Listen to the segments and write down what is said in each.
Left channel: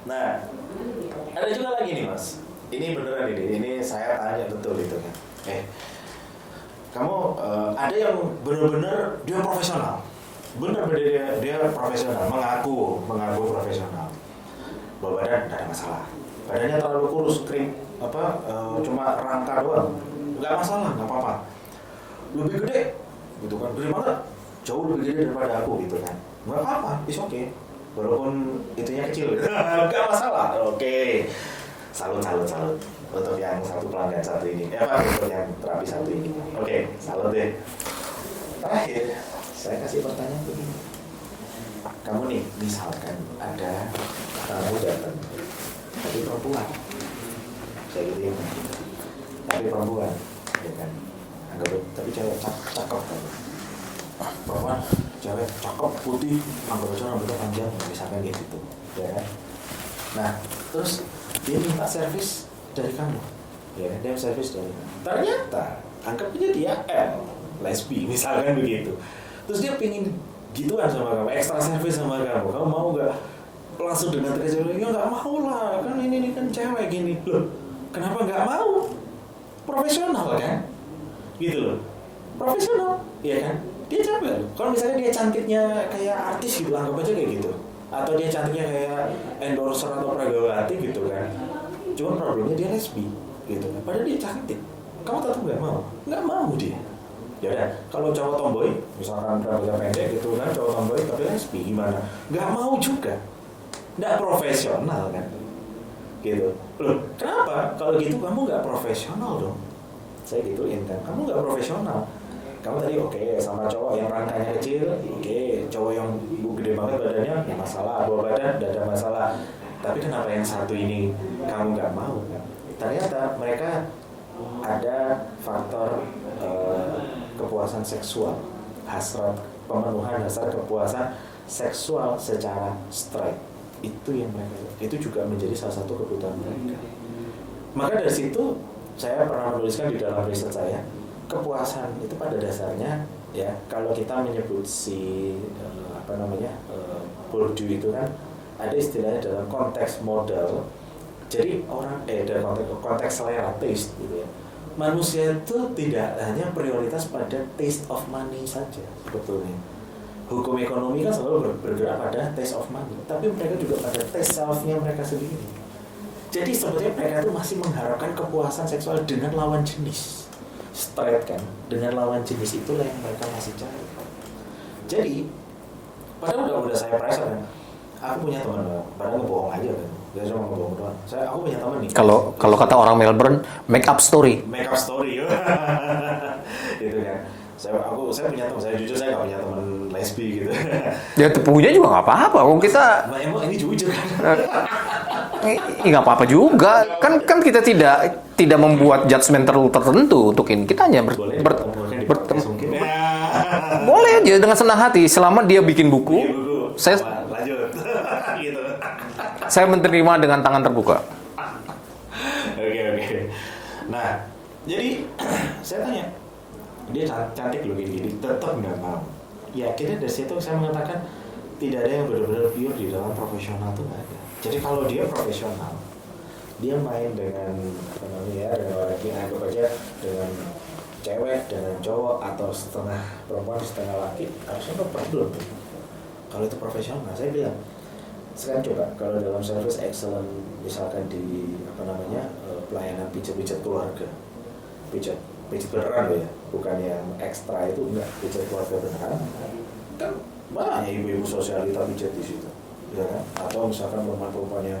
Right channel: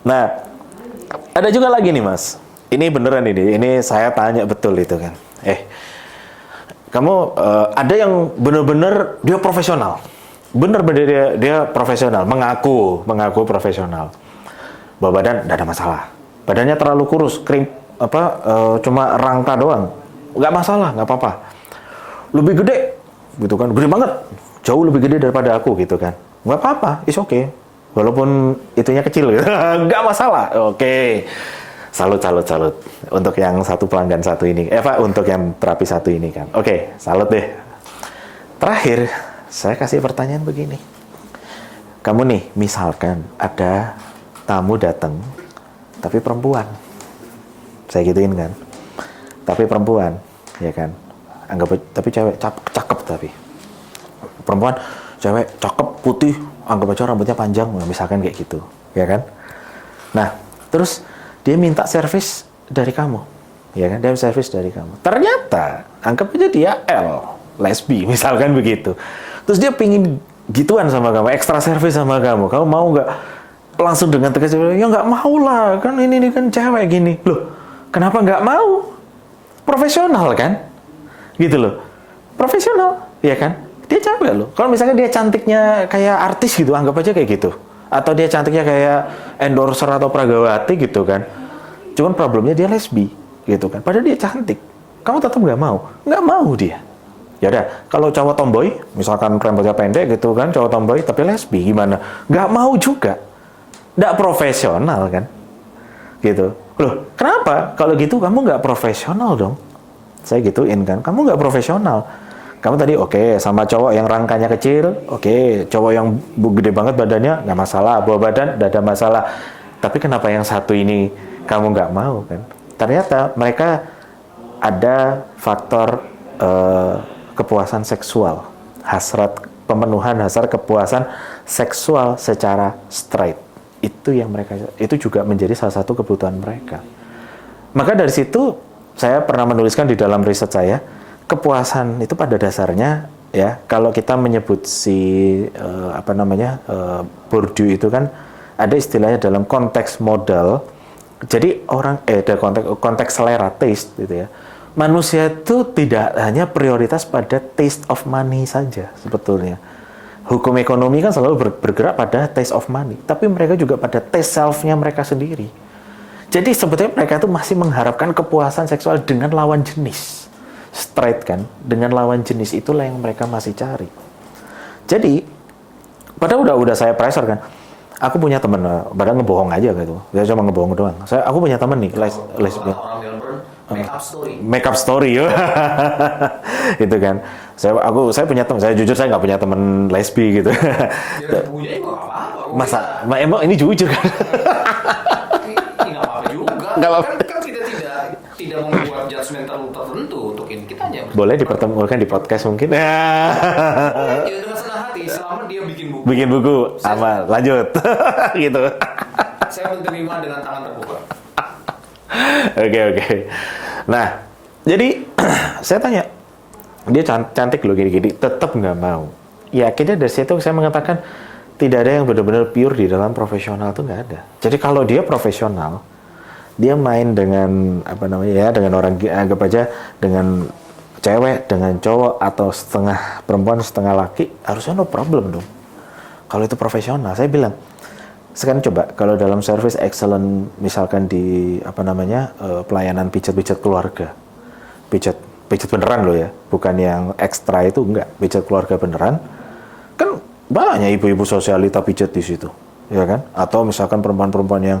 Nah, ada juga lagi nih Mas. Ini beneran ini saya tanya betul itu kan. Kamu ada yang bener-bener dia profesional. Bener-bener dia profesional, mengaku profesional. Bawa badan nggak ada masalah. Badannya terlalu kurus, cuma rangka doang. Nggak masalah, nggak apa-apa. Lebih gede, gitu kan, gede banget. Jauh lebih gede daripada aku gitu kan. Nggak apa-apa, it's okay. Walaupun itunya kecil gitu. Nggak masalah. Oke. Salut. Untuk yang satu pelanggan satu ini. Untuk yang terapi satu ini kan. Oke, salut deh. Terakhir, saya kasih pertanyaan begini. Kamu nih, misalkan ada tamu datang, tapi perempuan. Saya gituin kan. Tapi perempuan, ya kan. Tapi cewek, cakep tapi. Perempuan, cewek, cakep, putih, anggap aja rambutnya panjang, misalkan kayak gitu, ya kan? Nah, terus dia minta servis dari kamu, ya kan? Dia servis dari kamu. Ternyata, anggap aja dia lesbi, misalkan begitu. Terus dia pingin gituan sama kamu, ekstra servis sama kamu. Kamu mau nggak? Langsung dengan tegas, ya nggak mau lah, kan ini kan cewek gini. Loh, kenapa nggak mau? Profesional kan? Gitu loh. Profesional, ya kan? Dia cewek loh. Kalau misalnya dia cantiknya kayak artis gitu, anggap aja kayak gitu. Atau dia cantiknya kayak endorser atau pragawati gitu kan. Cuman problemnya dia lesbi gitu kan. Padahal dia cantik. Kamu tetap nggak mau? Nggak mau dia. Ya udah, kalau cowok tomboy, misalkan rambutnya pendek gitu kan, cowok tomboy tapi lesbi gimana? Nggak mau juga. Nggak profesional kan? Gitu. Loh, kenapa? Kalau gitu kamu nggak profesional dong. Saya gituin kan, kamu nggak profesional. Kamu tadi oke, sama cowok yang rangkanya kecil, oke, cowok yang gede banget badannya, nggak masalah, bawa badan, nggak ada masalah. Tapi kenapa yang satu ini kamu nggak mau kan? Ternyata mereka ada faktor kepuasan seksual, pemenuhan hasrat kepuasan seksual secara straight. Itu juga menjadi salah satu kebutuhan mereka. Maka dari situ saya pernah menuliskan di dalam riset saya, kepuasan itu pada dasarnya ya, kalau kita menyebut Bourdieu itu kan ada istilahnya dalam konteks modal. Jadi ada konteks selera, taste gitu ya. Manusia itu tidak hanya prioritas pada taste of money saja sebetulnya. Hukum ekonomi kan selalu bergerak pada taste of money, tapi mereka juga pada taste self-nya mereka sendiri. Jadi sebetulnya mereka itu masih mengharapkan kepuasan seksual dengan lawan jenis. Straight kan, dengan lawan jenis itulah yang mereka masih cari. Jadi, padahal udah saya pressure kan. Aku punya teman, padahal ngebohong aja gitu. Dia cuma ngebohong doang. Aku punya teman nih. Kalau kata orang Melbourne, make up story. Make up story, itu kan. Saya punya teman. Saya jujur saya nggak punya teman lesbi gitu. Ya punya juga nggak apa-apa. Emang ini jujur kan. Nggak apa-apa juga. Kan kita tidak membuat judgement tertentu untuk ini. Kita hanya boleh dipertemukan di podcast mungkin. Boleh aja dengan senang hati selama dia bikin buku. Lanjut. Gitu. Saya menerima dengan tangan terbuka. Oke. Nah, jadi saya tanya, dia cantik loh gini-gini, tetap nggak mau. Ya, akhirnya dari situ saya mengatakan tidak ada yang benar-benar pure di dalam profesional, tuh nggak ada. Jadi kalau dia profesional, dia main dengan dengan orang, anggap aja dengan cewek, dengan cowok atau setengah perempuan setengah laki, harusnya no problem dong. Kalau itu profesional, saya bilang. Sekarang coba kalau dalam service excellent, misalkan di pelayanan pijat keluarga, pijat beneran loh ya, bukan yang ekstra itu, enggak, pijat keluarga beneran, kan banyak ibu-ibu sosialita pijat di situ, ya kan? Atau misalkan perempuan-perempuan yang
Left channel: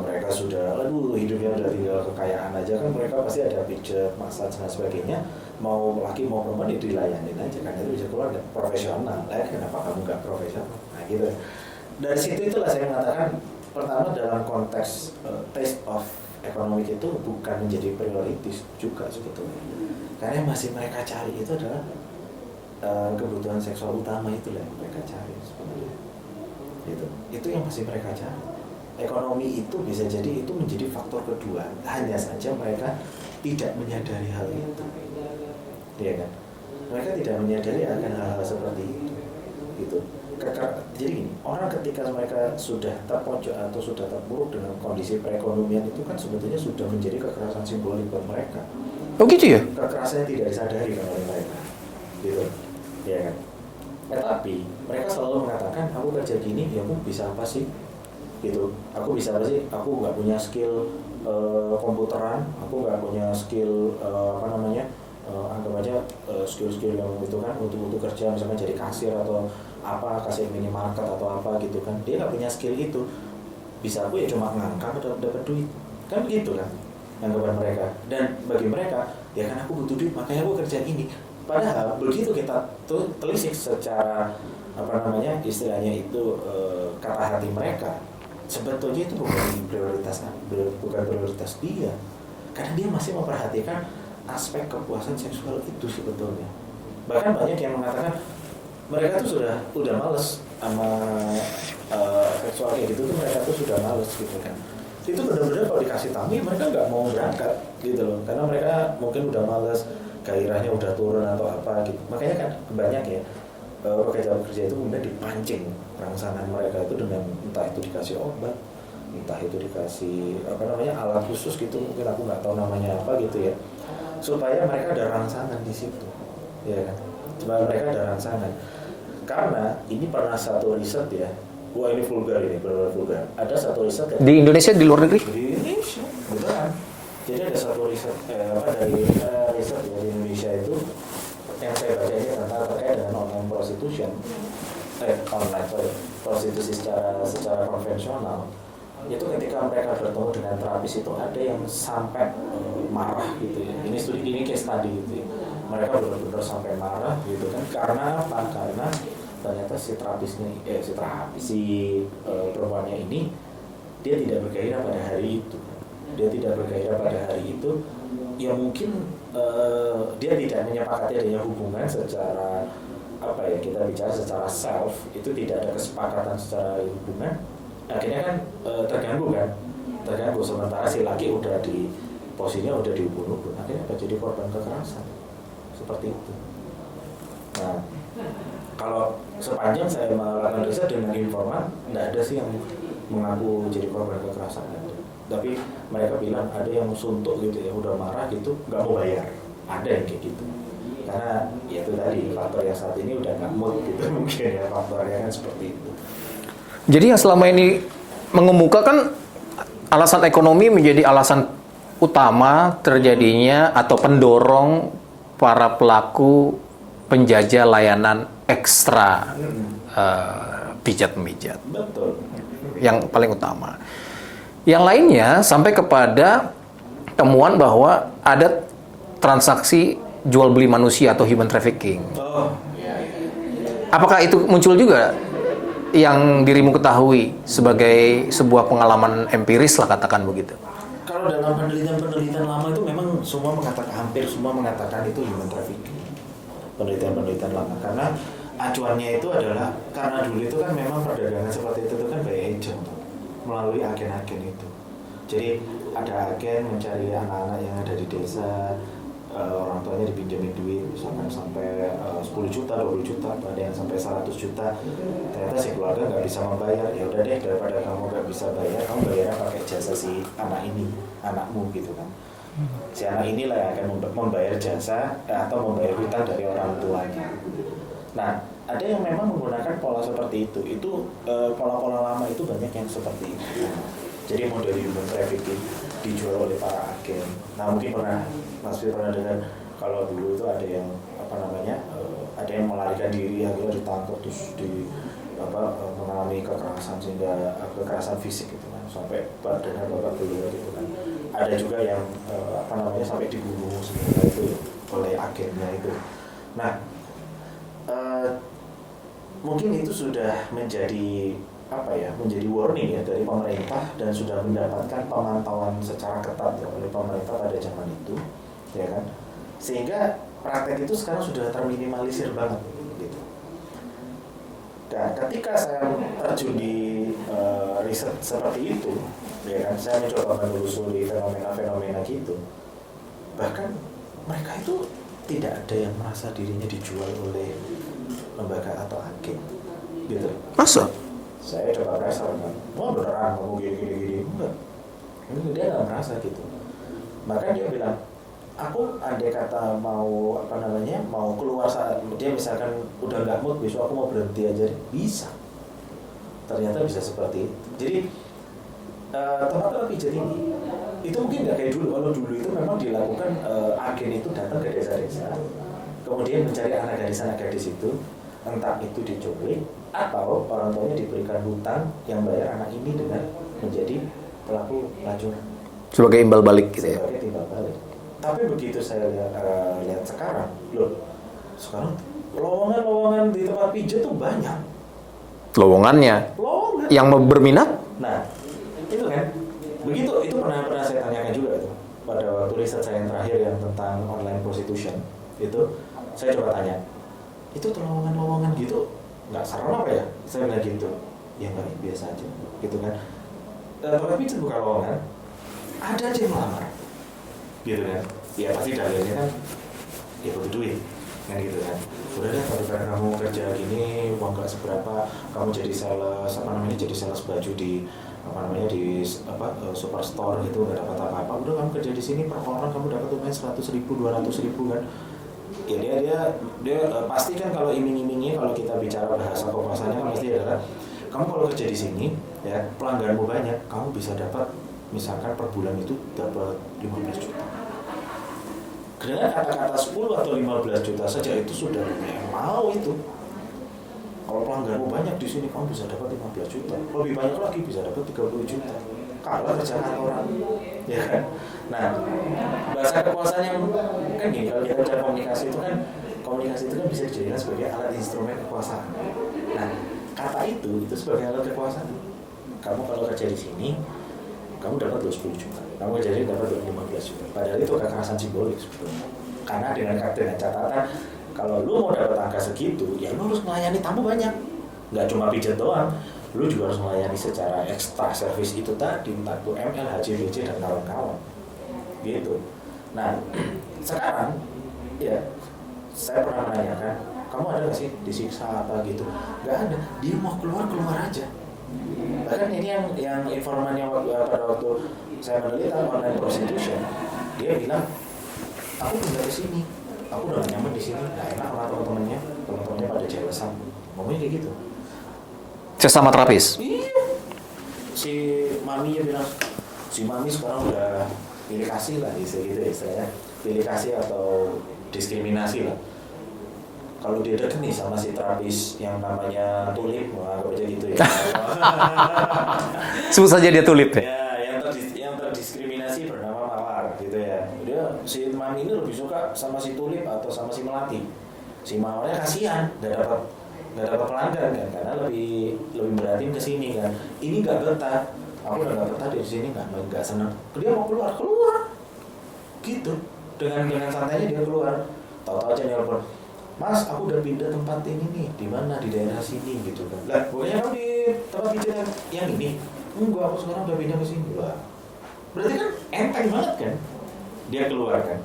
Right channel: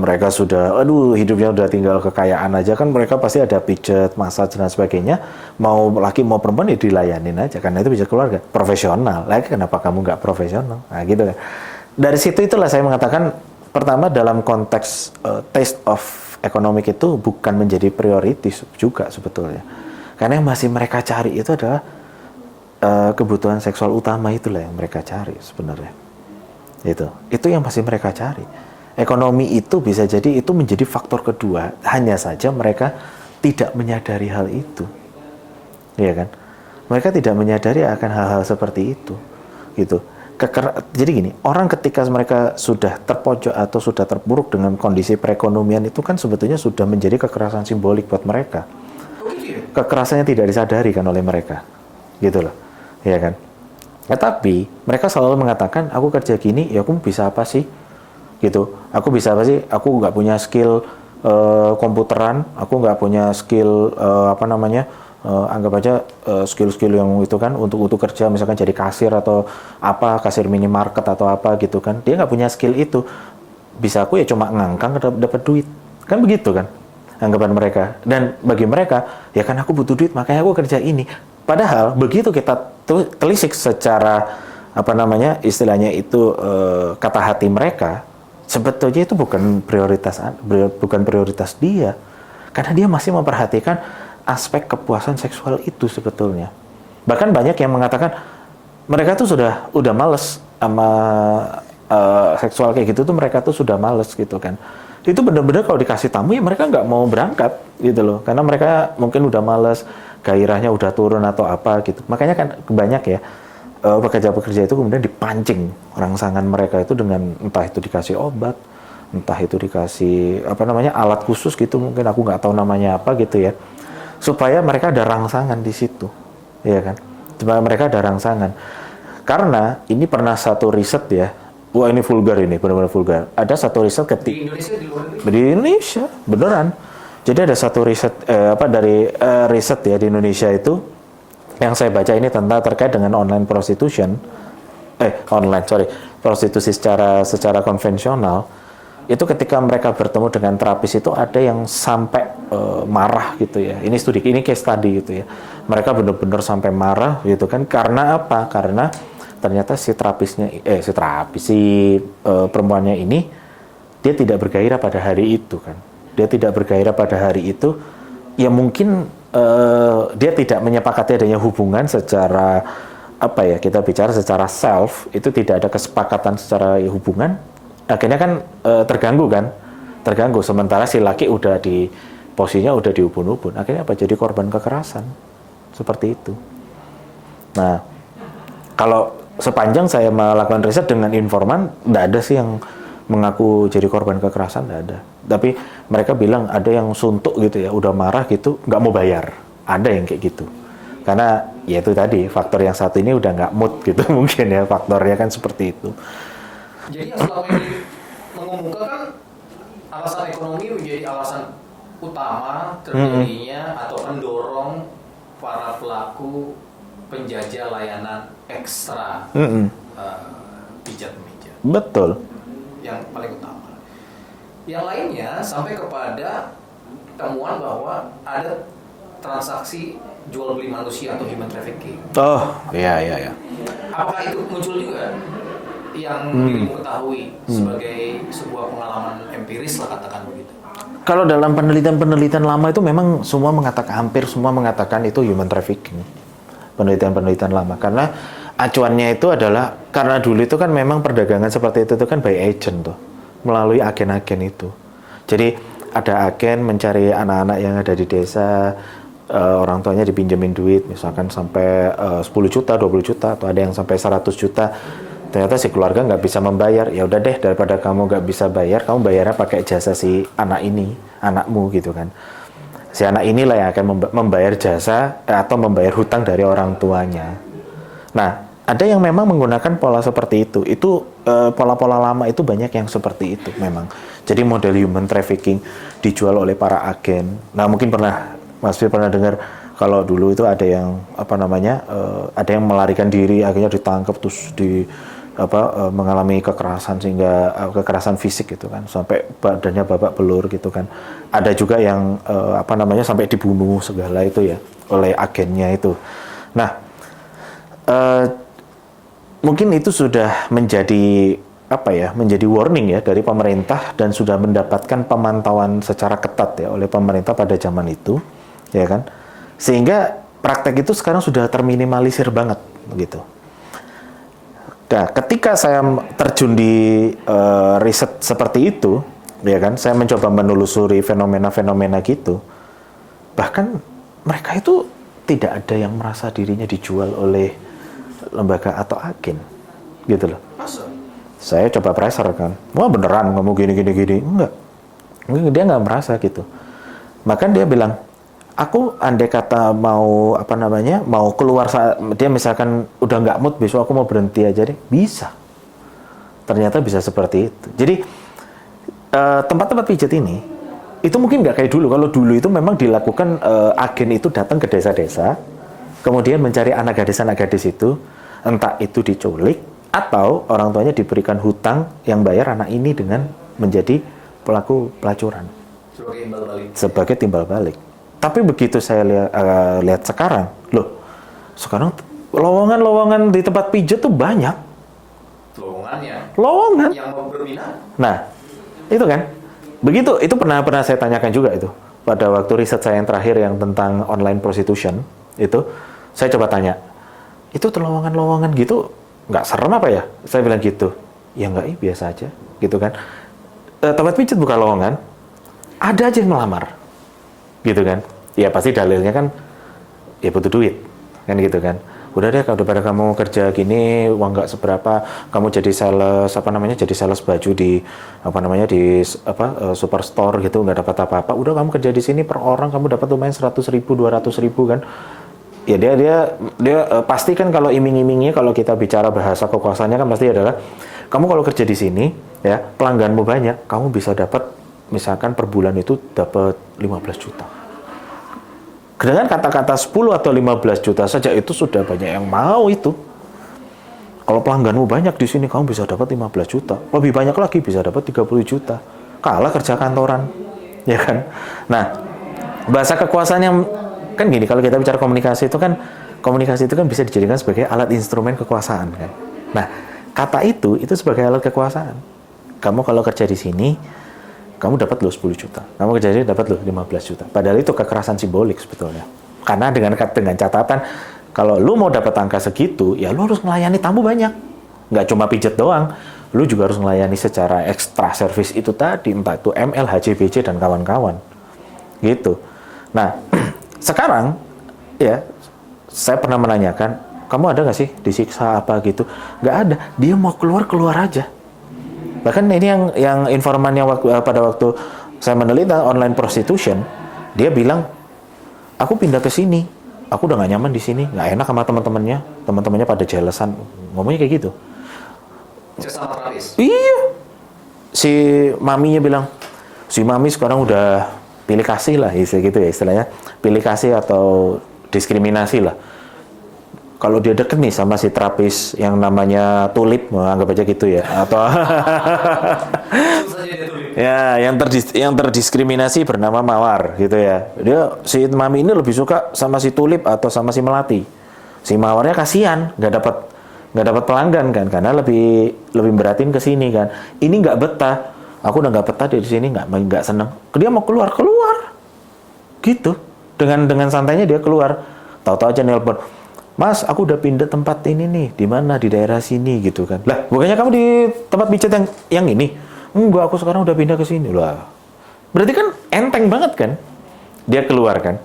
mereka sudah, hidupnya udah tinggal kekayaan aja, kan mereka pasti ada pijat, massage dan sebagainya. Mau laki mau perempuan ya dilayanin aja, karena itu pijat keluarga, profesional. Lagi kenapa kamu nggak profesional? Nah gitu kan. Dari situ itulah saya mengatakan, pertama dalam konteks taste of economic itu bukan menjadi prioritas juga sebetulnya. Karena yang masih mereka cari itu adalah kebutuhan seksual utama, itulah yang mereka cari sebenarnya. Itu yang masih mereka cari. Ekonomi itu bisa jadi itu menjadi faktor kedua, hanya saja mereka tidak menyadari hal itu. Iya kan? Mereka tidak menyadari akan hal-hal seperti itu. Gitu. Jadi gini, orang ketika mereka sudah terpojok atau sudah terpuruk dengan kondisi perekonomian itu kan sebetulnya sudah menjadi kekerasan simbolik buat mereka. Oh gitu ya? Kekerasannya tidak disadari kan oleh mereka, gitu loh, ya kan? Tapi mereka selalu mengatakan, aku kerja gini, ya aku bisa apa sih? Gitu, aku bisa apa sih? Aku nggak punya skill komputeran, aku nggak punya skill anggap aja skill-skill yang itu kan untuk kerja, misalkan jadi kasir atau apa, kasir minimarket atau apa gitu kan, dia nggak punya skill itu, bisa aku ya cuma ngangkang dapat duit, kan begitu kan anggapan mereka. Dan bagi mereka ya kan aku butuh duit makanya aku kerja ini, padahal begitu kita telisik secara istilahnya itu kata hati mereka, sebetulnya itu bukan prioritas dia, karena dia masih memperhatikan aspek kepuasan seksual itu sebetulnya. Bahkan banyak yang mengatakan mereka tuh udah males sama seksual kayak gitu tuh, mereka tuh sudah males gitu kan. Itu benar-benar kalau dikasih tamu ya mereka nggak mau berangkat gitu loh, karena mereka mungkin udah males, gairahnya udah turun atau apa gitu. Makanya kan banyak ya pekerja-pekerja itu kemudian dipancing rangsangan mereka itu dengan entah itu dikasih obat, entah itu dikasih alat khusus gitu, mungkin aku nggak tahu namanya apa gitu ya, supaya mereka ada rangsangan di situ, ya kan? Supaya mereka ada rangsangan. Karena ini pernah satu riset ya, wah ini vulgar ini, benar-benar vulgar. Ada satu riset di Indonesia, di luar negeri? Di Indonesia, beneran. Jadi ada satu riset riset ya di Indonesia itu yang saya baca ini tentang terkait dengan prostitusi secara konvensional. Itu ketika mereka bertemu dengan terapis itu ada yang sampai marah gitu ya. Ini case study gitu ya. Mereka benar-benar sampai marah gitu kan. Karena apa? Karena ternyata si perempuannya ini dia tidak bergairah pada hari itu kan. Dia tidak bergairah pada hari itu. Ya mungkin dia tidak menyepakati adanya hubungan secara kita bicara secara self, itu tidak ada kesepakatan secara hubungan. Akhirnya kan terganggu, sementara si laki udah di posisinya udah di ubun-ubun, akhirnya jadi korban kekerasan seperti itu. Nah, kalau sepanjang saya melakukan riset dengan informan, nggak ada sih yang mengaku jadi korban kekerasan, nggak ada. Tapi mereka bilang ada yang suntuk gitu ya, udah marah gitu, nggak mau bayar, ada yang kayak gitu. Karena ya itu tadi faktor yang satu ini udah nggak mood gitu mungkin ya, faktornya kan seperti itu. Jadi yang selama ini mengemukakan alasan ekonomi menjadi alasan utama terjadinya atau pendorong para pelaku penjajah layanan ekstra pijat-memijat. Betul. Yang paling utama. Yang lainnya sampai kepada temuan bahwa ada transaksi jual beli manusia atau human trafficking. Oh, iya. Apakah itu muncul juga yang dirimu ketahui sebagai sebuah pengalaman empiris lah, katakan begitu? Kalau dalam penelitian lama itu memang hampir semua mengatakan itu human trafficking. Penelitian lama, karena acuannya itu adalah karena dulu itu kan memang perdagangan seperti itu kan by agent tuh, melalui agen-agen itu. Jadi ada agen mencari anak-anak yang ada di desa, orang tuanya dipinjemin duit misalkan sampai 10 juta, 20 juta, atau ada yang sampai 100 juta. Ternyata si keluarga nggak bisa membayar, ya udah deh, daripada kamu nggak bisa bayar, kamu bayarnya pakai jasa si anakmu gitu kan. Si anak inilah yang akan membayar jasa atau membayar hutang dari orang tuanya. Nah, ada yang memang menggunakan pola seperti itu. Itu pola-pola lama itu banyak yang seperti itu memang. Jadi model human trafficking dijual oleh para agen. Nah, mungkin Mas Fir pernah dengar kalau dulu itu ada yang ada yang melarikan diri, akhirnya ditangkap terus mengalami kekerasan sehingga kekerasan fisik gitu kan, sampai badannya babak belur gitu kan. Ada juga yang sampai dibunuh segala itu ya oleh agennya itu. Nah, mungkin itu sudah menjadi menjadi warning ya dari pemerintah, dan sudah mendapatkan pemantauan secara ketat ya oleh pemerintah pada zaman itu, ya kan, sehingga praktek itu sekarang sudah terminimalisir banget gitu. Nah, ketika saya terjun di riset seperti itu, ya kan, saya mencoba menelusuri fenomena-fenomena gitu. Bahkan mereka itu tidak ada yang merasa dirinya dijual oleh lembaga atau agen. gitu loh. Masa? Saya coba pressure kan, wah beneran kamu gini. Enggak, dia nggak merasa gitu. Bahkan dia bilang, aku andai kata mau mau keluar saat dia misalkan udah nggak mood besok aku mau berhenti aja deh, bisa. Ternyata bisa seperti itu. Jadi tempat-tempat pijat ini itu mungkin nggak kayak dulu. Kalau dulu itu memang dilakukan, agen itu datang ke desa-desa, kemudian mencari anak gadis itu, entah itu diculik atau orang tuanya diberikan hutang yang bayar anak ini dengan menjadi pelaku pelacuran. Sebagai imbal balik. Sebagai timbal balik. Tapi begitu saya lihat sekarang, sekarang lowongan-lowongan di tempat pijat tuh banyak. Lowongan. Yang berminat? Nah, itu kan. Begitu, itu pernah saya tanyakan juga itu. Pada waktu riset saya yang terakhir yang tentang online prostitution, itu saya coba tanya, itu lowongan-lowongan gitu nggak serem apa ya? Saya bilang gitu. Ya nggak, biasa aja, gitu kan. Tempat pijat bukan lowongan, ada aja yang melamar, gitu kan. Ya pasti dalilnya kan, ya butuh duit, kan gitu kan. Udah deh, daripada kamu kerja gini, uang nggak seberapa, kamu jadi sales, jadi sales baju di, superstore gitu, nggak dapat apa-apa. Udah kamu kerja di sini per orang, kamu dapat lumayan 100.000, 200.000 kan. Ya dia pasti kan kalau iming-imingnya, kalau kita bicara bahasa kekuasaannya kan pasti adalah, kamu kalau kerja di sini, ya pelangganmu banyak, kamu bisa dapat, misalkan per bulan itu dapat 15 juta. Dengan kata-kata 10 atau 15 juta saja itu sudah banyak yang mau itu. Kalau pelangganmu banyak di sini, kamu bisa dapat 15 juta. Lebih banyak lagi bisa dapat 30 juta. Kalah kerja kantoran, ya kan? Nah, bahasa kekuasaan yang kan gini, kalau kita bicara komunikasi itu kan bisa dijadikan sebagai alat instrumen kekuasaan kan. Nah, kata itu sebagai alat kekuasaan. Kamu kalau kerja di sini, kamu dapat 10 juta. Kamu kerja di sini dapat 15 juta. Padahal itu kekerasan simbolik sebetulnya. Karena dengan catatan, kalau lu mau dapat angka segitu, ya lu harus melayani tamu banyak. Nggak cuma pijet doang. Lu juga harus melayani secara ekstra service itu tadi, entah itu ML, HCBC, dan kawan-kawan. Gitu. Nah, sekarang, ya, saya pernah menanyakan, kamu ada nggak sih disiksa apa gitu? Nggak ada. Dia mau keluar aja. Bahkan ini yang informan yang pada waktu saya meneliti online prostitution, dia bilang, aku pindah ke sini, aku udah nggak nyaman di sini, nggak enak sama teman-temannya pada jelesan, ngomongnya kayak gitu. Sesama terapis? Iya. Si maminya bilang, si mami sekarang udah pilih kasih lah, gitu ya istilahnya, pilih kasih atau diskriminasi lah. Kalau dia deket nih sama si terapis yang namanya Tulip, anggap aja gitu ya, atau sebut saja dia Tulip. Ya, yang terdiskriminasi bernama Mawar, gitu ya. Si mami ini lebih suka sama si Tulip atau sama si Melati. Si Mawarnya kasihan, nggak dapat pelanggan kan, karena lebih beratin ke sini kan. Ini nggak betah. Aku udah nggak betah di sini, nggak seneng. Dia mau keluar, gitu. Dengan santainya dia keluar. Tahu-tahu aja nelpon, Mas, aku udah pindah tempat ini nih, di mana, di daerah sini gitu kan. Lah, bukannya kamu di tempat pijat yang ini? Enggak, aku sekarang udah pindah ke sini. Lah, berarti kan enteng banget kan? Dia keluar kan?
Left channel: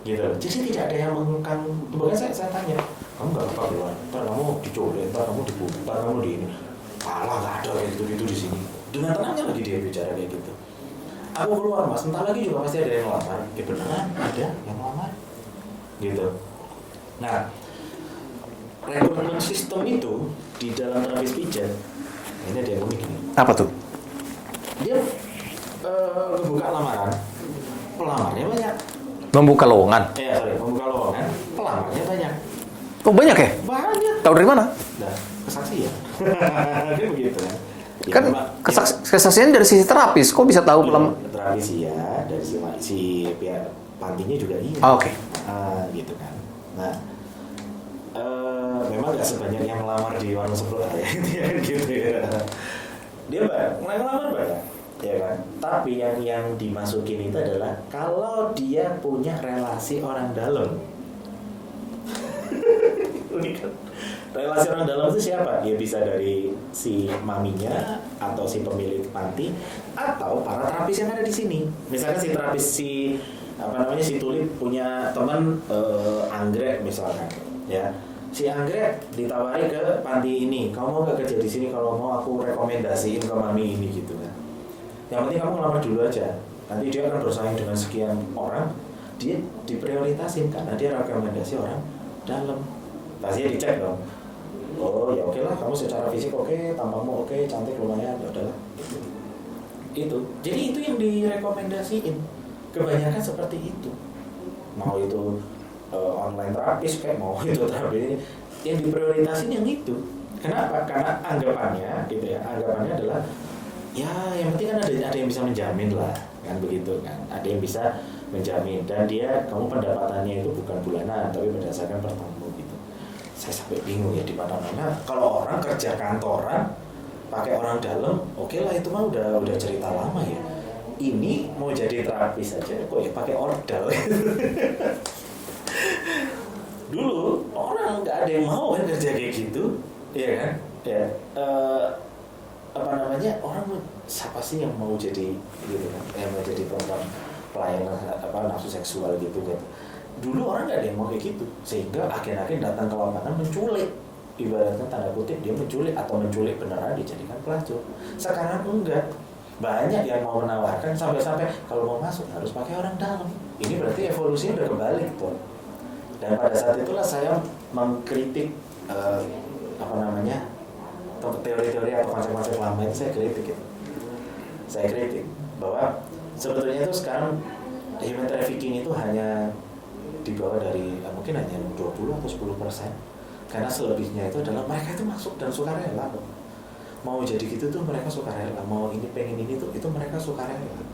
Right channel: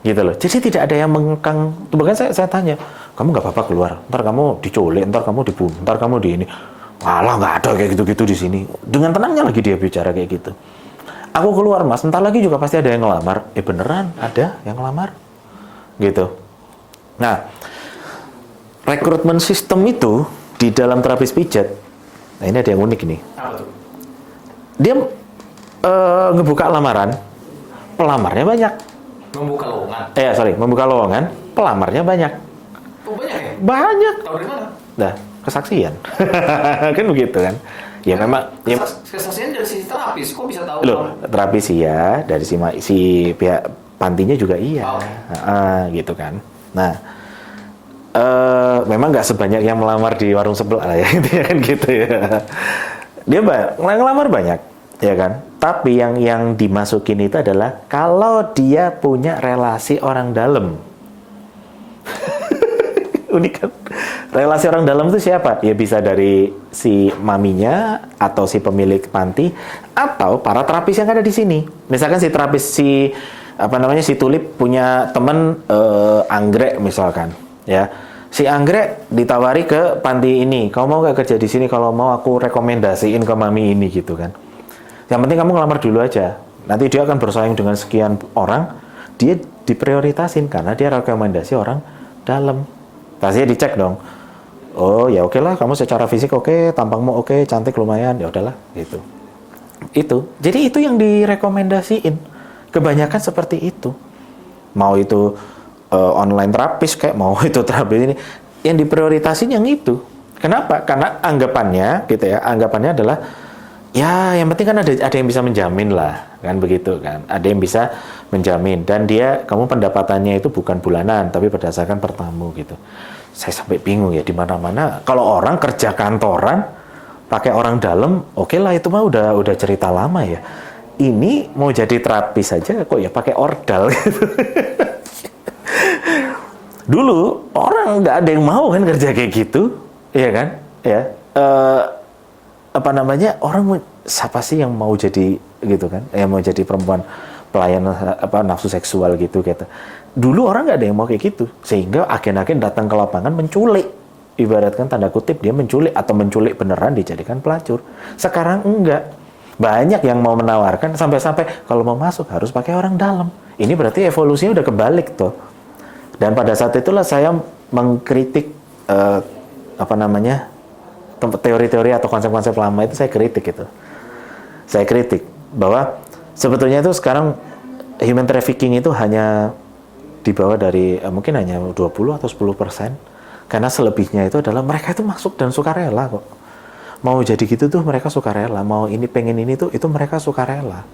Gitu loh. Jadi tidak ada yang mengekang. Bahkan saya tanya, kamu nggak apa-apa keluar? Ntar kamu diculik, ntar kamu dibunuh, ntar kamu di ini. Alah, nggak ada kayak gitu-gitu di sini. Dengan tenangnya lagi dia bicara kayak gitu. Aku keluar, Mas, ntar lagi juga pasti ada yang ngelamar. Beneran ada yang ngelamar. Gitu. Nah, rekrutmen sistem itu di dalam terapis pijat, nah ini ada yang unik nih. Apa tuh? Dia ngebuka lamaran, pelamarnya banyak. Membuka lowongan? Membuka lowongan, pelamarnya banyak. Oh, banyak ya? Banyak. Tahu dari mana? Nah, kesaksian. Kan begitu kan? Ya kan memang. Kesaksian dari sisi terapis, kok bisa tahu? Terapis iya, dari si pihak pantinya juga iya. Oke. Gitu kan. Nah, memang nggak sebanyak yang melamar di warung sebelah ya, kan gitu ya. Dia ngelamar banyak, ya kan. Tapi yang dimasukin itu adalah kalau dia punya relasi orang dalam. Unik kan? Relasi orang dalam itu siapa? Ya bisa dari si maminya atau si pemilik panti atau para terapis yang ada di sini. Misalkan si terapis si Tulip punya teman anggrek misalkan, ya. Si anggrek ditawari ke panti ini, kamu mau gak kerja di sini? Kalau mau aku rekomendasiin ke mami ini gitu kan. Yang penting kamu ngelamar dulu aja. Nanti dia akan bersaing dengan sekian orang, dia diprioritasin karena dia rekomendasi orang dalam. Pasti dicek dong. Oh ya oke lah, kamu secara fisik oke, tampangmu oke, cantik lumayan, ya udahlah gitu. Itu. Jadi itu yang direkomendasiin. Kebanyakan seperti itu. Mau itu online terapis kayak mau itu terapis ini, yang diprioritasin yang itu. Kenapa? Karena anggapannya gitu ya, anggapannya adalah ya yang penting kan ada yang bisa menjamin lah, kan begitu kan. Ada yang bisa menjamin dan dia kamu pendapatannya itu bukan bulanan tapi berdasarkan per tamu gitu. Saya sampai bingung ya, di mana-mana kalau orang kerja kantoran pakai orang dalam, oke lah itu mah udah cerita lama ya. Ini mau jadi terapis saja kok ya pakai ordal gitu. Dulu orang nggak ada yang mau kan kerja kayak gitu, ya kan? Ya, apa namanya, orang siapa sih yang mau jadi gitu kan? Yang mau jadi perempuan pelayan apa nafsu seksual gitu. Dulu orang nggak ada yang mau kayak gitu, sehingga agen-agen datang ke lapangan menculik, ibaratkan tanda kutip dia menculik atau menculik beneran dijadikan pelacur. Sekarang enggak, banyak yang mau menawarkan sampai-sampai kalau mau masuk harus pakai orang dalam. Ini berarti evolusinya udah kebalik tuh. Dan pada saat itulah saya mengkritik apa namanya teori-teori atau konsep-konsep lama itu saya kritik itu. Saya kritik bahwa sebetulnya itu sekarang human trafficking itu hanya di bawah dari mungkin hanya 20 atau 10%. Karena selebihnya itu adalah mereka itu masuk dan sukarela kok. Mau jadi gitu tuh mereka sukarela, mau ini pengen ini tuh itu mereka sukarela.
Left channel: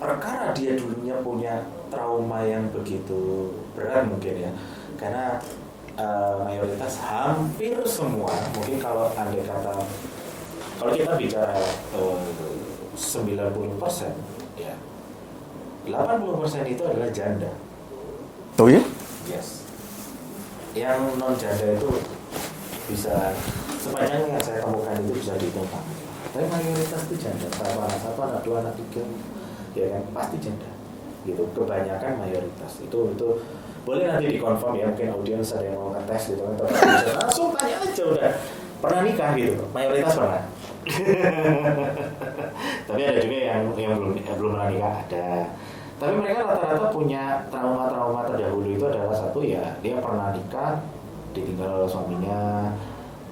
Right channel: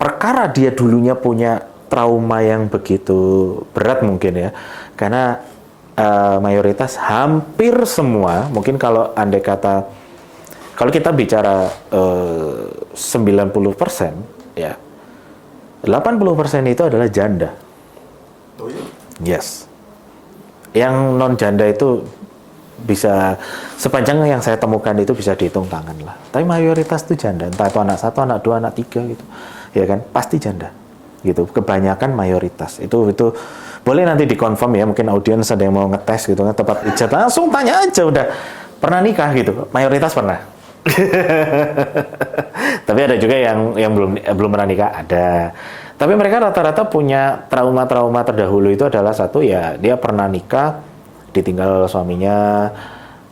Perkara dia dulunya punya trauma yang begitu berat mungkin ya, karena mayoritas hampir semua, mungkin kalau andai kata kalau kita bicara 90% ya 80% itu adalah janda. Oh ya? Yes. Yang non janda itu bisa sepanjang yang saya temukan itu bisa dihitung tangan lah. Tapi mayoritas itu janda, entah itu anak 1, anak 2, anak 3 gitu. Ya kan? Pasti janda. Gitu. Kebanyakan mayoritas. Itu boleh nanti dikonfirm ya, mungkin audiens ada yang mau ngetes gitu kan, tempat pijat langsung tanya aja udah. Pernah nikah gitu? Mayoritas pernah. Tapi ada juga yang belum pernah nikah, ada. Tapi mereka rata-rata punya trauma-trauma terdahulu itu adalah satu ya, dia pernah nikah, ditinggal suaminya,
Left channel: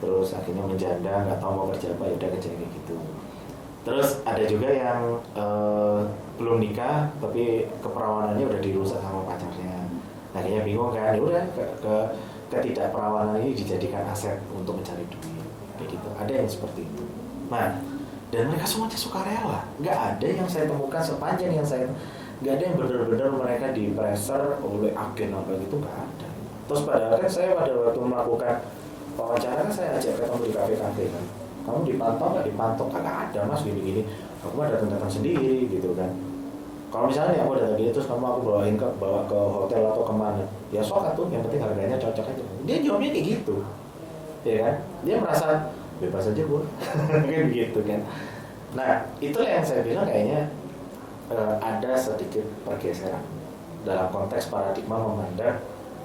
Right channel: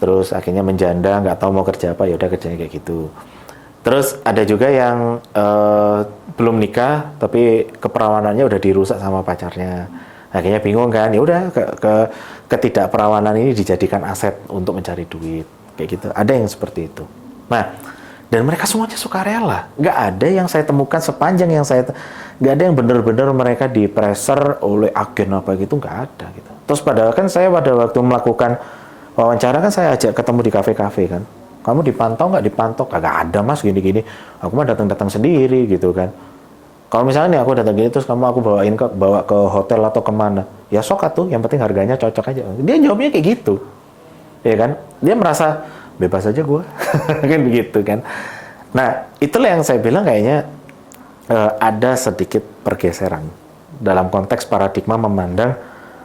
terus akhirnya menjanda, nggak tahu mau kerja apa, ya udah kerjanya kayak gitu. Terus ada juga yang belum nikah tapi keperawanannya udah dirusak sama pacarnya. Akhirnya bingung kan, ya udah ketidakperawanan ini dijadikan aset untuk mencari duit. Kayak gitu. Ada yang seperti itu. Nah, dan mereka semuanya sukarela. Nggak ada yang saya temukan sepanjang yang saya nggak ada yang benar-benar mereka di-pressure oleh agen apa gitu, nggak ada gitu. Terus padahal kan saya pada waktu melakukan wawancara kan saya ajak ketemu di kafe-kafe kan. Kamu dipantau nggak? Dipantau? Kagak ada mas, gini-gini. Aku mah datang-datang sendiri gitu kan. Kalau misalnya aku datang gini terus aku bawa ke hotel atau kemana, ya sok atuh, yang penting harganya cocok aja. Dia jawabnya kayak gitu, ya kan? Dia merasa bebas aja gue, kan begitu kan? Nah itulah yang saya bilang kayaknya ada sedikit pergeseran dalam konteks paradigma memandang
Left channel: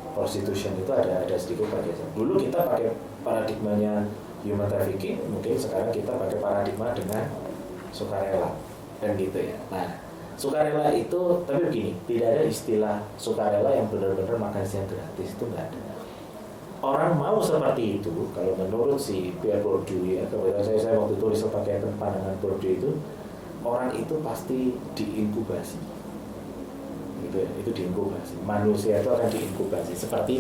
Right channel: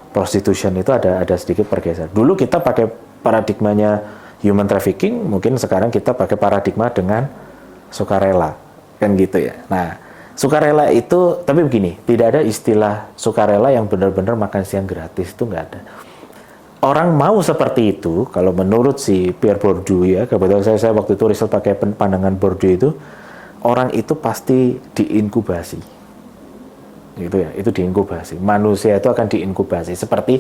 prostitution itu ada sedikit pergeseran. Dulu kita pakai paradigmanya human trafficking, mungkin sekarang kita pakai paradigma dengan sukarela, kan gitu ya. Nah, sukarela itu, tapi begini, tidak ada istilah sukarela yang benar-benar makan siang gratis, itu nggak ada. Orang mau seperti itu, kalau menurut si Pierre Bourdieu ya, kebetulan saya waktu itu riset pakai pandangan Bourdieu itu, orang itu pasti diinkubasi, gitu ya, itu diinkubasi. Manusia itu akan diinkubasi seperti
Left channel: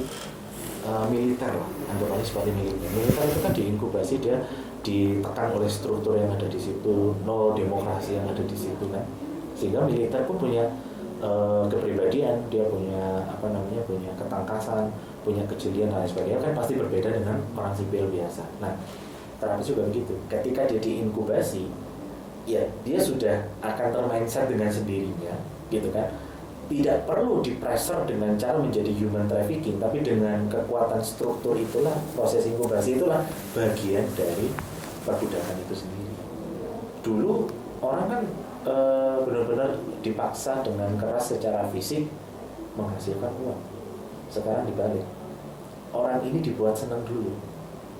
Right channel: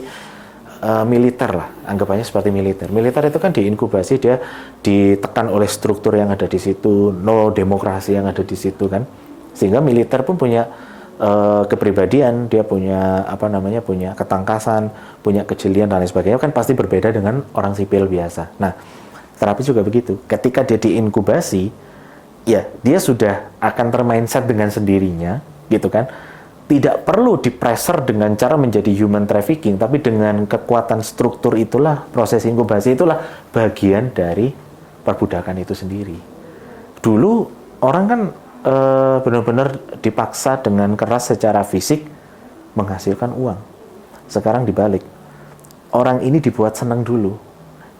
militer lah, anggapannya seperti militer. Militer itu kan diinkubasi, dia ditekan oleh struktur yang ada di situ, no demokrasi yang ada di situ kan, sehingga militer pun punya kepribadian, dia punya apa namanya, punya ketangkasan, punya kejelian dan lain sebagainya, kan pasti berbeda dengan orang sipil biasa. Nah, terapi juga begitu. Ketika dia diinkubasi, ya dia sudah akan termindset dengan sendirinya, gitu kan. Tidak perlu dipressure dengan cara menjadi human trafficking, tapi dengan kekuatan struktur itulah, proses inkubasi itulah bagian dari perbudakan itu sendiri. Dulu orang kan benar-benar dipaksa dengan keras secara fisik menghasilkan uang. Sekarang dibalik. orang ini dibuat senang dulu,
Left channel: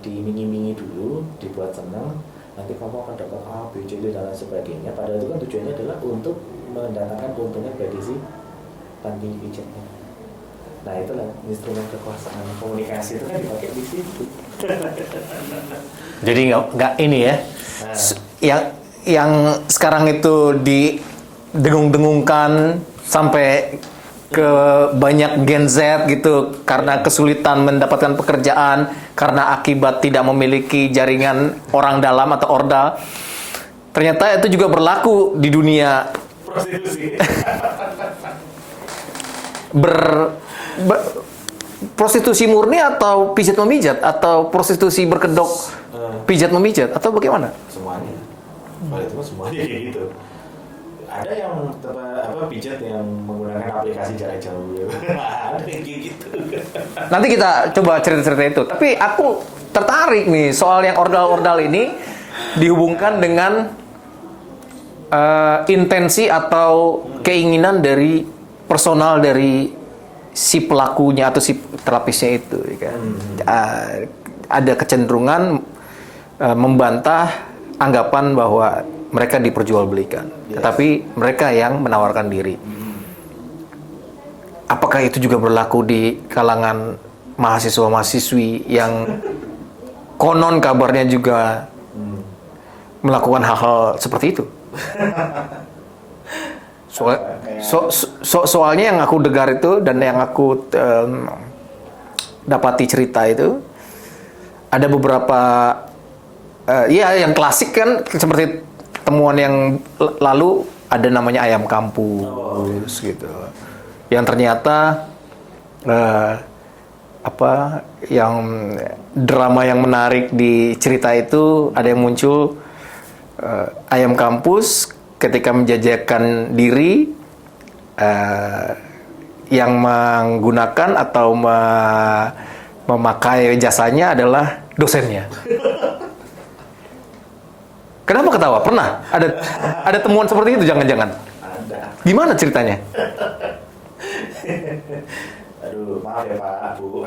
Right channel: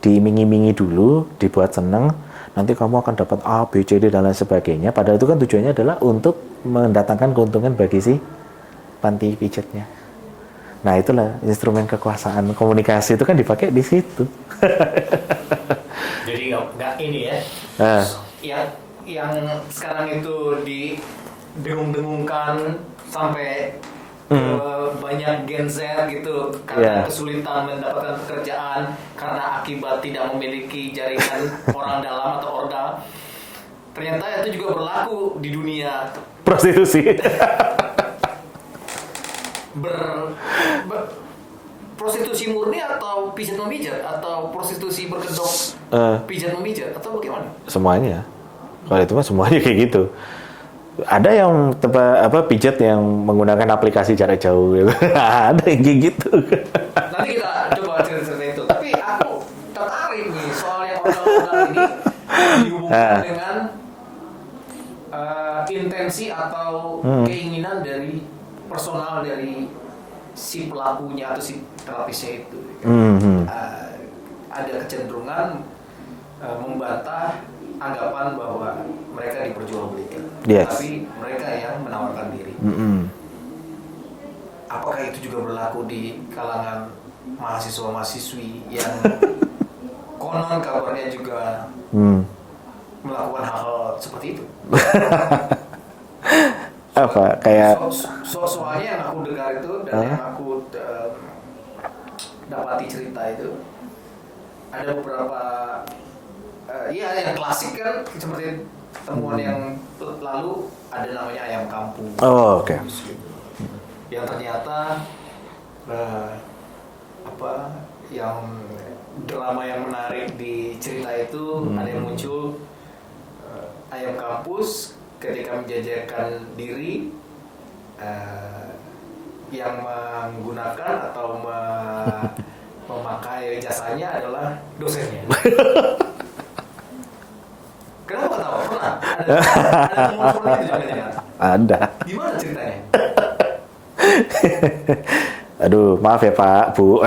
diiming-imingi dulu, dibuat senang, nanti kamu akan dapat A, B, C, D dan lain sebagainya. Padahal itu kan tujuannya adalah untuk mendatangkan keuntungan bagi si panti pijatnya. Nah itulah instrumen kekuasaan komunikasi itu kan dipakai di situ. Jadi nggak ini ya, yang sekarang itu didengung-dengungkan sampai ke banyak Gen Z gitu karena kesulitan mendapatkan pekerjaan karena akibat tidak memiliki jaringan orang dalam atau ordal. Ternyata itu juga berlaku di dunia Prostitusi. prostitusi murni atau pijat memijat atau prostitusi berkedok pijat memijat atau bagaimana? Semuanya. Kalau itu mah semuanya kayak gitu. Ada yang pijat yang menggunakan aplikasi jarak jauh gitu. Ada yang kayak gitu. Nanti kita coba cerita-cerita itu. Tapi aku tertarik nih soal yang ordal-ordal ini dihubungkan dengan intensi atau keinginan dari personal dari si pelakunya atau si terapisnya itu. Kan? Ada kecenderungan membantah anggapan bahwa mereka diperjualbelikan, tapi mereka yang menawarkan diri. Apakah itu juga berlaku di kalangan mahasiswa-mahasiswi yang konon kabarnya juga melakukan hal-hal seperti itu? Soalnya yang aku dengar itu dan yang aku dapati cerita itu ada beberapa yang klasik kan seperti temuan yang lalu ada namanya ayam kampus gitu. Yang ternyata yang drama yang menarik di cerita itu ada yang muncul ayam kampus ketika menjajakan diri yang menggunakan atau memakai jasanya adalah dosennya. Kenapa ketawa? Pernah? Ada temuan seperti itu jangan-jangan? Ada. Gimana ceritanya? Aduh, maaf ya Pak, Bu.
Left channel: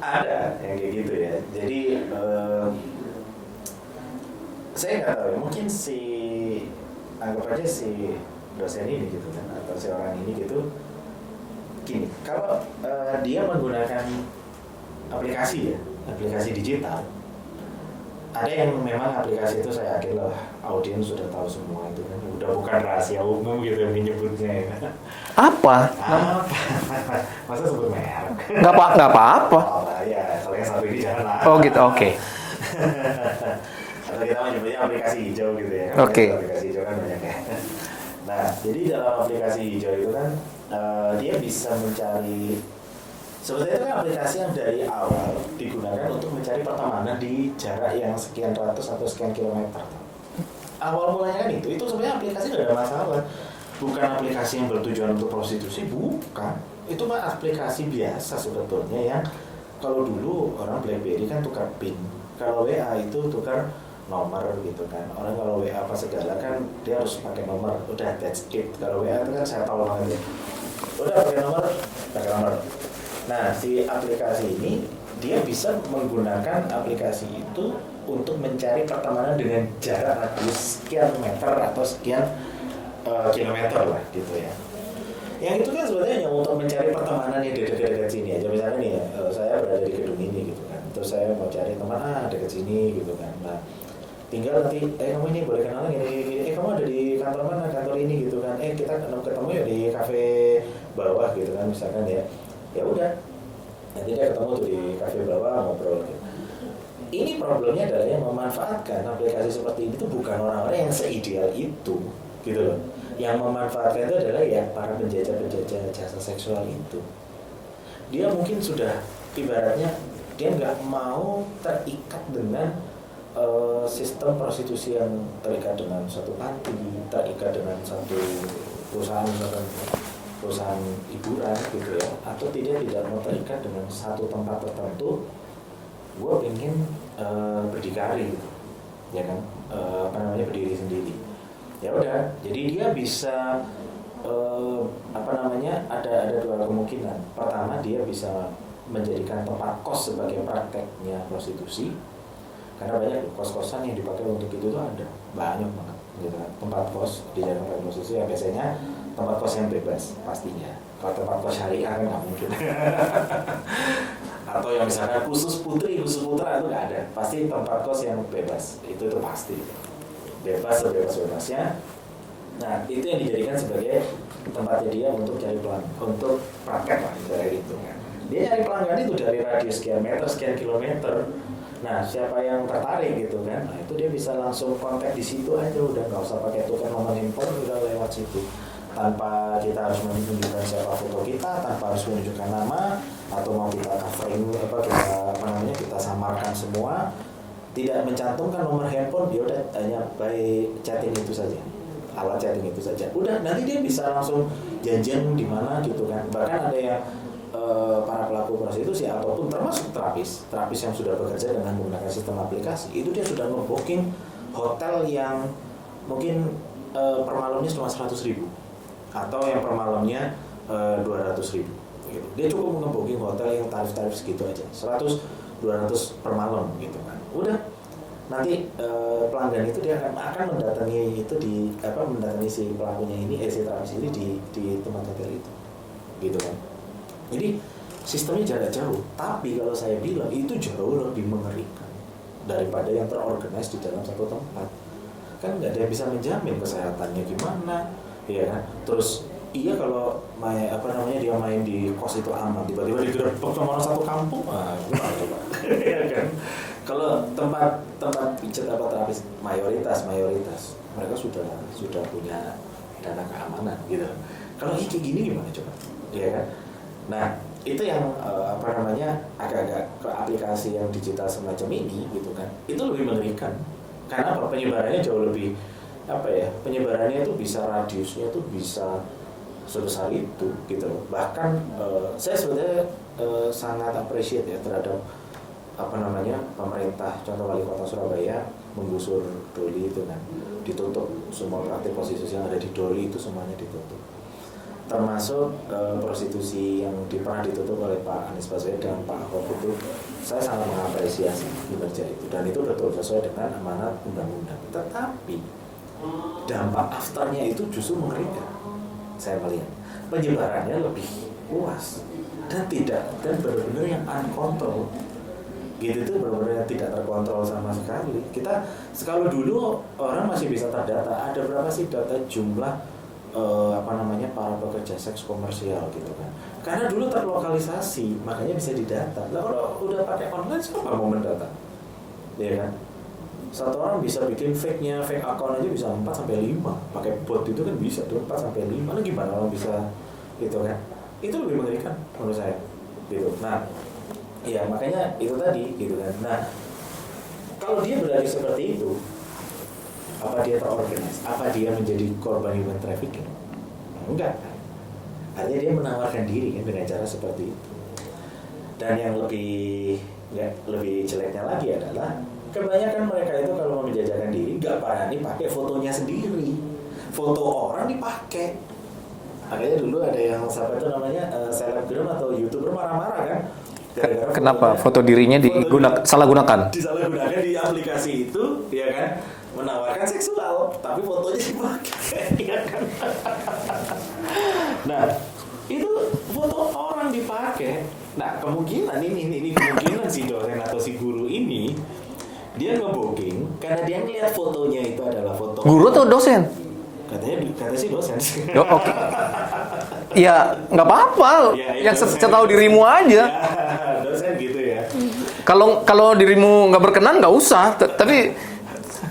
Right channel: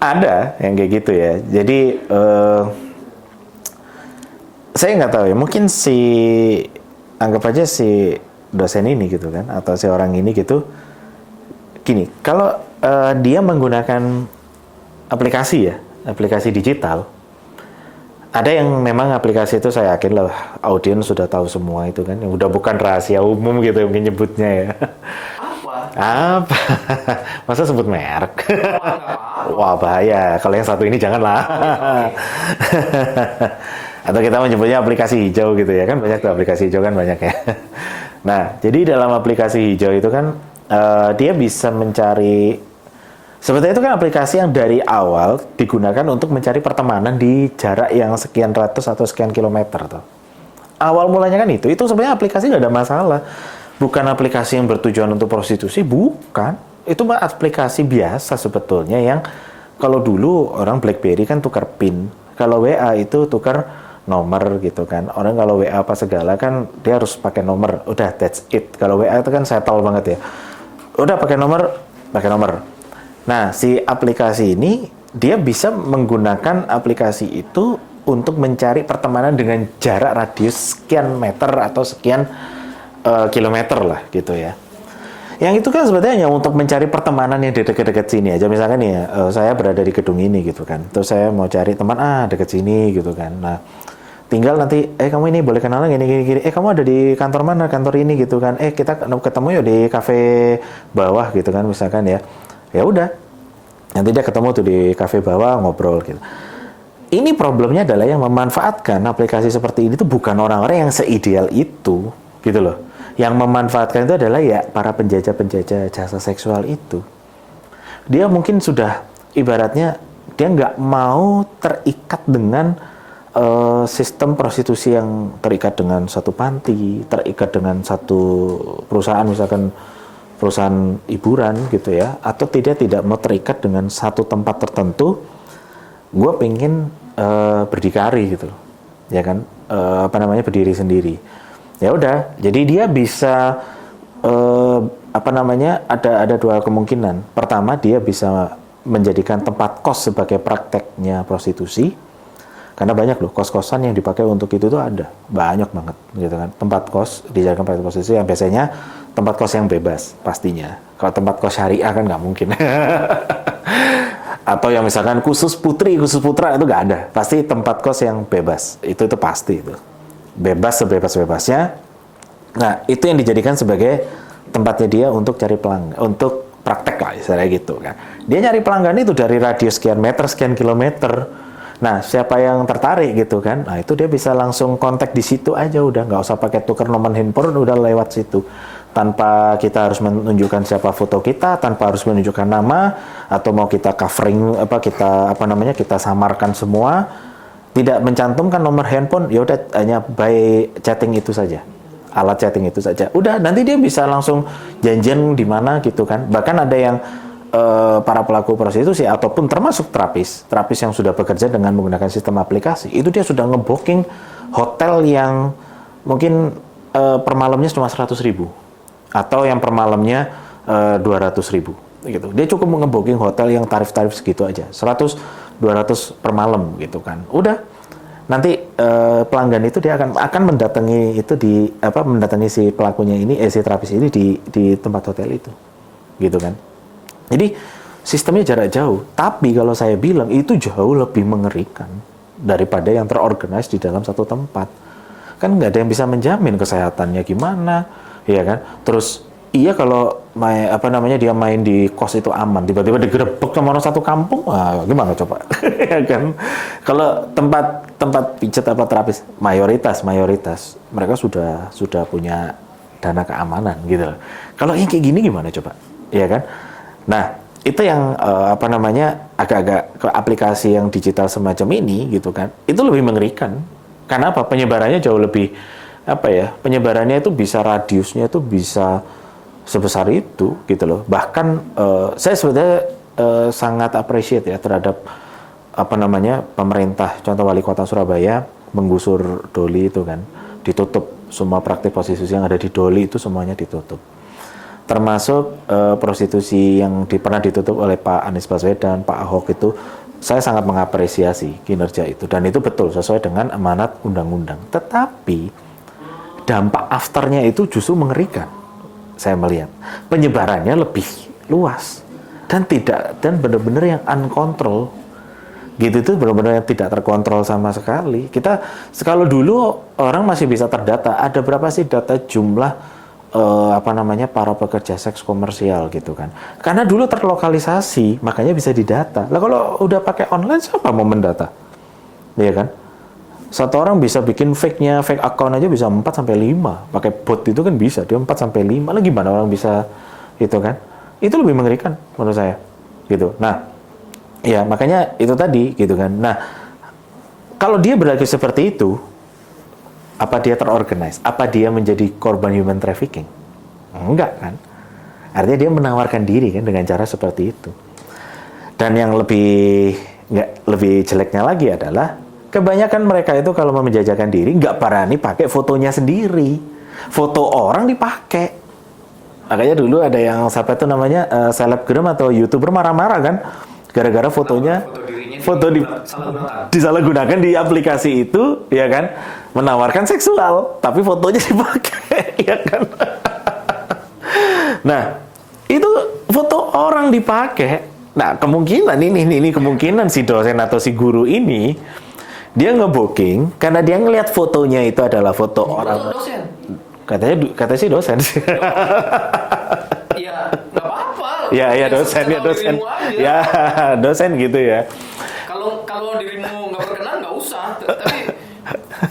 Ada yang kayak gitu ya. Jadi saya nggak tahu ya. Mungkin anggap aja si dosen ini gitu kan, atau si orang ini gitu. Gini, kalau dia menggunakan aplikasi digital. Ada yang memang aplikasi itu saya yakin lah audiens sudah tahu semua itu kan, yang udah bukan rahasia umum gitu yang menyebutnya ya. Apa? Masa sebut merek? Nggak apa-apa. Wah bahaya. Kalau yang satu ini janganlah. Oh gitu, oke. Atau kita menyebutnya aplikasi hijau gitu ya kan, banyak tuh aplikasi hijau kan banyak ya. Nah jadi dalam aplikasi hijau itu kan dia bisa mencari. Sebetulnya itu kan aplikasi yang dari awal digunakan untuk mencari pertemanan di jarak yang sekian ratus atau sekian kilometer tuh. Awal mulanya kan itu sebenarnya aplikasi nggak ada masalah. Bukan aplikasi yang bertujuan untuk prostitusi, bukan. Itu mah aplikasi biasa sebetulnya yang kalau dulu orang BlackBerry kan tukar PIN. Kalau WA itu tukar nomor gitu kan. Orang kalau WA apa segala kan dia harus pakai nomor. Udah that's it. Kalau WA itu kan settle banget ya. Udah pakai nomor. Nah, si aplikasi ini dia bisa menggunakan aplikasi itu untuk mencari pertemanan dengan jarak radius sekian meter atau sekian kilometer lah gitu ya. Yang itu kan sebetulnya hanya untuk mencari pertemanan yang di dekat-dekat sini aja. Misalkan nih saya berada di gedung ini gitu kan. Terus saya mau cari teman dekat sini gitu kan. Nah, tinggal nanti kamu ini boleh kenalan gini. Kamu ada di kantor mana? Kantor ini gitu kan. Kita ketemu yuk di kafe bawah gitu kan misalkan ya. Ya udah, nanti dia ketemu tuh di kafe bawah ngobrol gitu. Ini problemnya adalah yang memanfaatkan aplikasi seperti ini tuh bukan orang-orang yang seideal itu, gitu loh. Yang memanfaatkan itu adalah ya para penjajah-penjajah jasa seksual itu. Dia mungkin sudah ibaratnya dia nggak mau terikat dengan sistem prostitusi yang terikat dengan satu panti, terikat dengan satu perusahaan misalkan perusahaan hiburan gitu ya, atau tidak mau terikat dengan satu tempat tertentu. Gue pengen berdikari gitu loh, ya kan, berdiri sendiri. Ya udah, jadi dia bisa ada dua kemungkinan. Pertama, dia bisa menjadikan tempat kos sebagai prakteknya prostitusi. Karena banyak loh kos-kosan yang dipakai untuk itu tuh ada banyak banget gitu kan. Tempat kos dijadikan praktek prostitusi yang biasanya tempat kos yang bebas pastinya. Kalau tempat kos syariah kan nggak mungkin. Atau yang misalkan khusus putri, khusus putra itu nggak ada. Pasti tempat kos yang bebas. Itu pasti itu. Bebas sebebas-bebasnya. Nah, itu yang dijadikan sebagai tempatnya dia untuk cari pelanggan, untuk praktek lah istilahnya gitu kan. Dia nyari pelanggan itu dari radius sekian meter, sekian kilometer. Nah, siapa yang tertarik gitu kan? Nah, itu dia bisa langsung kontak di situ aja udah, nggak usah pakai tukar nomor handphone, udah lewat situ. Tanpa kita harus menunjukkan siapa foto kita, tanpa harus menunjukkan nama atau mau kita covering kita samarkan semua, tidak mencantumkan nomor handphone, ya udah hanya by chatting itu saja. Alat chatting itu saja. Udah, nanti dia bisa langsung janjian di mana gitu kan. Bahkan ada yang para pelaku prostitusi ataupun termasuk terapis yang sudah bekerja dengan menggunakan sistem aplikasi, itu dia sudah ngebooking hotel yang mungkin per malamnya cuma 100.000 atau yang per malamnya 200.000 gitu. Dia cukup ngebooking hotel yang tarif-tarif segitu aja, 100-200 per malam gitu kan. Udah, nanti pelanggan itu dia akan mendatangi mendatangi si pelakunya ini, si terapis ini di tempat hotel itu gitu kan. Jadi sistemnya jarak jauh, tapi kalau saya bilang itu jauh lebih mengerikan daripada yang terorganize di dalam satu tempat. Kan nggak ada yang bisa menjamin kesehatannya gimana, ya kan? Terus iya kalau dia main di kos itu aman, tiba-tiba digerebek sama orang satu kampung, gimana coba? Ya kan? Kalau tempat pijat terapis mayoritas mereka sudah punya dana keamanan gitu. Kalau yang kayak gini gimana coba? Ya kan? Nah, itu yang agak-agak ke aplikasi yang digital semacam ini gitu kan. Itu lebih mengerikan. Karena apa? Penyebarannya jauh lebih penyebarannya itu bisa radiusnya itu bisa sebesar itu gitu loh. Bahkan saya sebenarnya sangat appreciate ya terhadap pemerintah, contoh wali kota Surabaya menggusur Doli itu kan. Ditutup semua praktik prostitusi yang ada di Doli itu semuanya ditutup. Termasuk prostitusi yang pernah ditutup oleh Pak Anies Baswedan, Pak Ahok itu, saya sangat mengapresiasi kinerja itu. Dan itu betul, sesuai dengan amanat undang-undang. Tetapi, dampak afternya itu justru mengerikan, saya melihat. Penyebarannya lebih luas. Dan benar-benar yang uncontrol. Gitu itu benar-benar tidak terkontrol sama sekali. Kalau dulu orang masih bisa terdata, ada berapa sih data jumlah para pekerja seks komersial gitu kan. Karena dulu terlokalisasi, makanya bisa didata. Lah kalau udah pakai online siapa mau mendata? Iya kan? Satu orang bisa bikin fake account aja bisa 4 sampai 5. Pakai bot itu kan bisa, dia 4 sampai 5. Lah gimana orang bisa gitu kan? Itu lebih mengerikan menurut saya. Gitu. Nah, ya makanya itu tadi gitu kan. Nah, kalau dia berlaku seperti itu, apa dia terorganize? Apa dia menjadi korban human trafficking? Enggak kan? Artinya dia menawarkan diri kan dengan cara seperti itu. Dan yang lebih jeleknya lagi adalah kebanyakan mereka itu kalau mau menjajakan diri nggak berani pakai fotonya sendiri. Foto orang dipakai. Makanya dulu ada yang selebgram atau YouTuber marah-marah kan? Gara-gara fotonya, foto dirinya disalahgunakan di aplikasi itu, ya kan, menawarkan seksual, tapi fotonya dipakai, ya kan. Nah, itu foto orang dipakai. Nah, kemungkinan si dosen atau si guru ini dia ngebooking karena dia ngelihat fotonya itu adalah foto guru orang. atau dosen? Katanya sih dosen. Ya nggak apa-apa. Ya setahu dirimu aja. Ya dosen gitu ya. Kalau dirimu nggak berkenan nggak usah. Tapi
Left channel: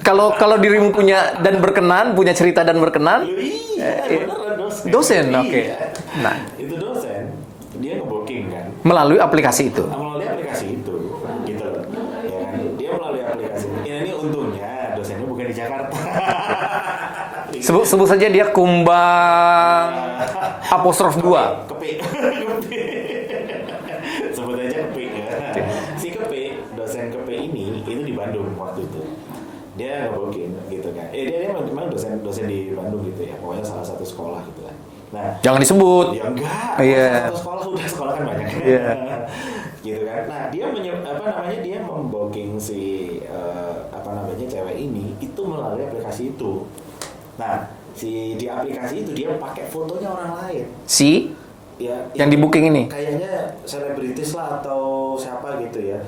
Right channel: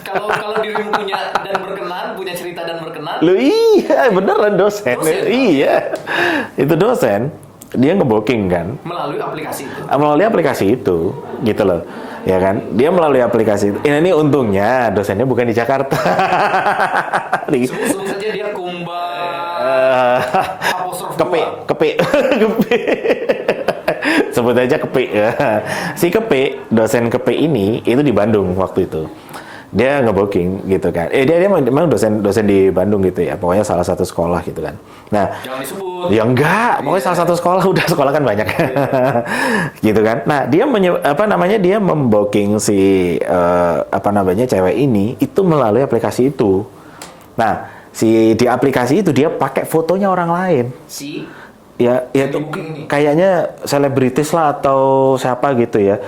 kalau dirimu punya dan berkenan, punya cerita dan berkenan. Loh iya beneran dosen. Dosen. Iya. Itu dosen. Dia ngebooking kan. Melalui aplikasi itu. Melalui aplikasi itu, gitu loh. Ya kan, dia melalui aplikasi itu. Ini untungnya dosennya bukan di Jakarta. Sebut saja dia apostrof 2. Kepe. Sebut aja Kepe. Si Kepe, dosen Kepe ini itu di Bandung waktu itu. dia nge-booking gitu kan. Dia memang dosen di Bandung gitu ya, pokoknya salah satu sekolah gitu kan. Nah, Jangan disebut. ya enggak, pokoknya Iya. salah satu sekolah, udah sekolah kan banyak. Gitu kan. Nah, dia membooking si cewek ini itu melalui aplikasi itu. Nah, di aplikasi itu dia pakai fotonya orang lain. Si Ya, yang di booking ini. kayaknya selebritis lah atau siapa gitu ya.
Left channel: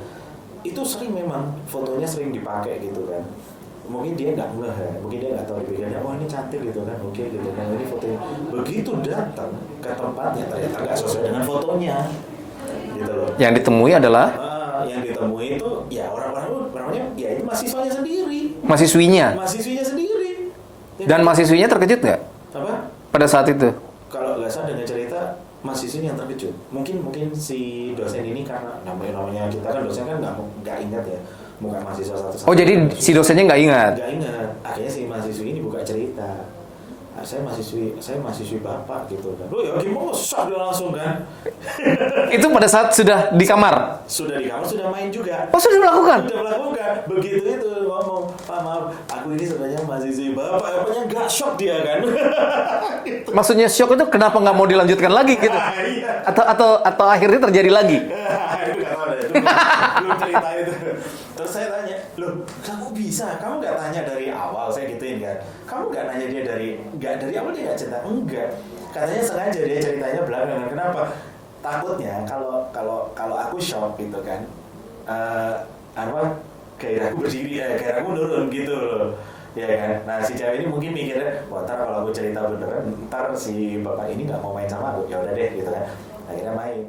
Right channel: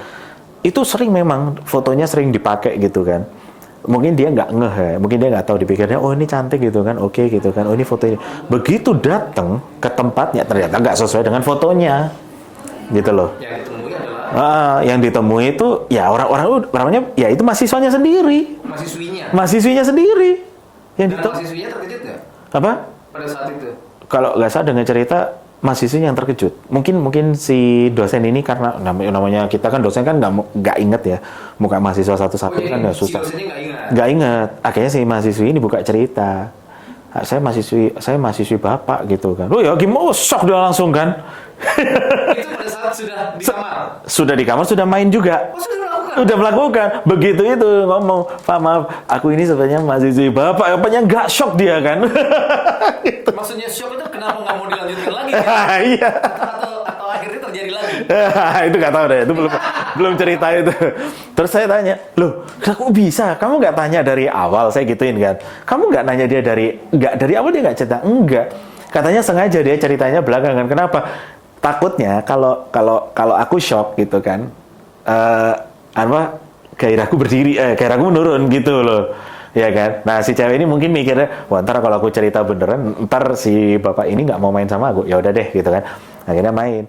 Itu sering memang fotonya sering dipakai gitu kan. Mungkin dia nggak ngeh ya, mungkin dia nggak tahu, dipikirnya oh ini cantik gitu kan, oke gitu kan, oh ini foto ini. Begitu datang ke tempatnya ternyata nggak sesuai dengan fotonya, gitu loh. Yang ditemui adalah Yang ditemui itu ya orangnya ya itu mahasiswanya sendiri, mahasiswinya sendiri. Dan mahasiswinya terkejut nggak Apa? pada saat itu? Kalau nggak salah dengan cerita mahasiswa yang terkejut. Mungkin si dosen ini karena namanya kita kan dosen kan nggak inget ya muka mahasiswa satu-satu. Oh jadi kan si dosennya nggak ingat? Nggak inget. Akhirnya si mahasiswi ini buka cerita. Saya mahasiswi bapak gitu kan. Oh ya gimana? Oh, shock dia langsung kan. Itu pada saat sudah di kamar? Sudah di kamar, sudah main juga. Oh sudah melakukan? Sudah melakukan. Begitu itu ngomong, Pak maaf, aku ini sebenarnya mahasiswi bapak. Apanya nggak shock dia kan? Maksudnya shock itu kenapa nggak mau dilanjutkan lagi gitu? Iya. Atau akhirnya terjadi lagi? Itu nggak tahu deh, itu belum cerita itu. Terus saya tanya, loh, kok bisa? Kamu nggak tanya dari awal? Saya gituin kan. Kamu nggak nanya dia dari awal dia nggak cerita? Enggak. Katanya sengaja dia ceritanya belakangan. Kenapa? Takutnya kalau aku shock gitu kan, gairahku gairahku menurun gitu loh. Ya kan? Nah si cewek ini mungkin mikirnya, wah ntar kalau aku cerita beneran, ntar si bapak ini nggak mau main sama aku. Ya udah deh gitu kan. Akhirnya main.